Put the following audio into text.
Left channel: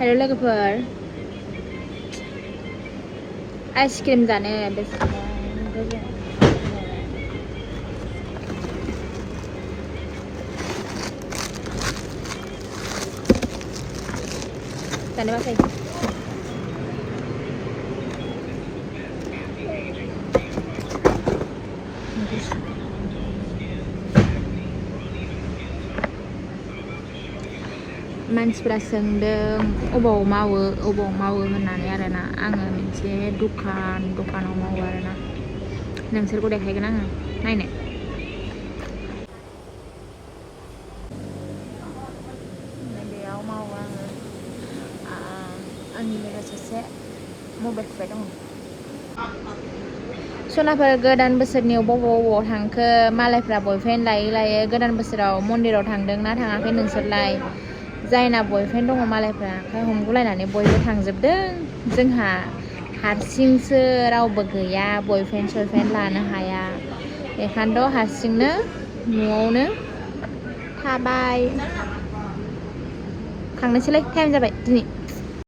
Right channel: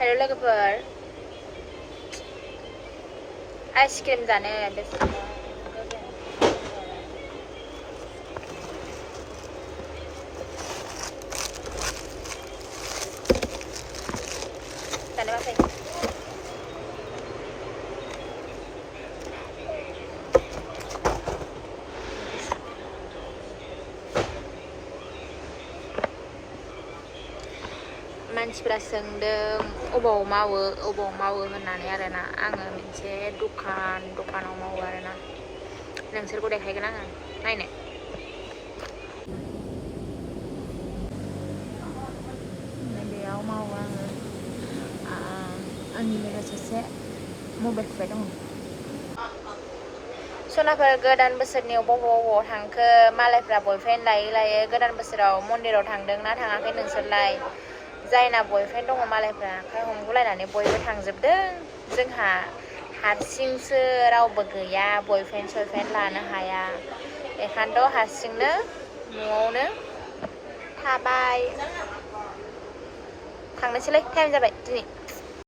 Hello lover. Ice cream जाने हैं अभी धन्यवाद मानसिफोरा सोंदों अबाव मावो होननानै आरोना आङो मोनसे दखानाव मावो आरोना नोंसोरखौ देखायगोन आङो नायनो बेयाव मावो आङो आंनि लोगो सासे मबाइल थुबाय दङ सनाफोर गोदान बोसोरनि बबाव थांखो मालायफ्रा बयफ्रेन्ड लायै गोदान बोसोराव मन्दिराव थांदों ना थाङाखै नोंसोरलाय जायना बयफ्रेन्ड दङ मालायफ्रा आखाइ हमगुलायनानै बयबो थांजोबदों जोंहा हारसिंसो रावबो गैया बयफ्रेन्ड लानो हाया बेखायनोथ' हारसिंनो न'आवनो थाबाय थांनोसैलै टाइम जाबाय दिनै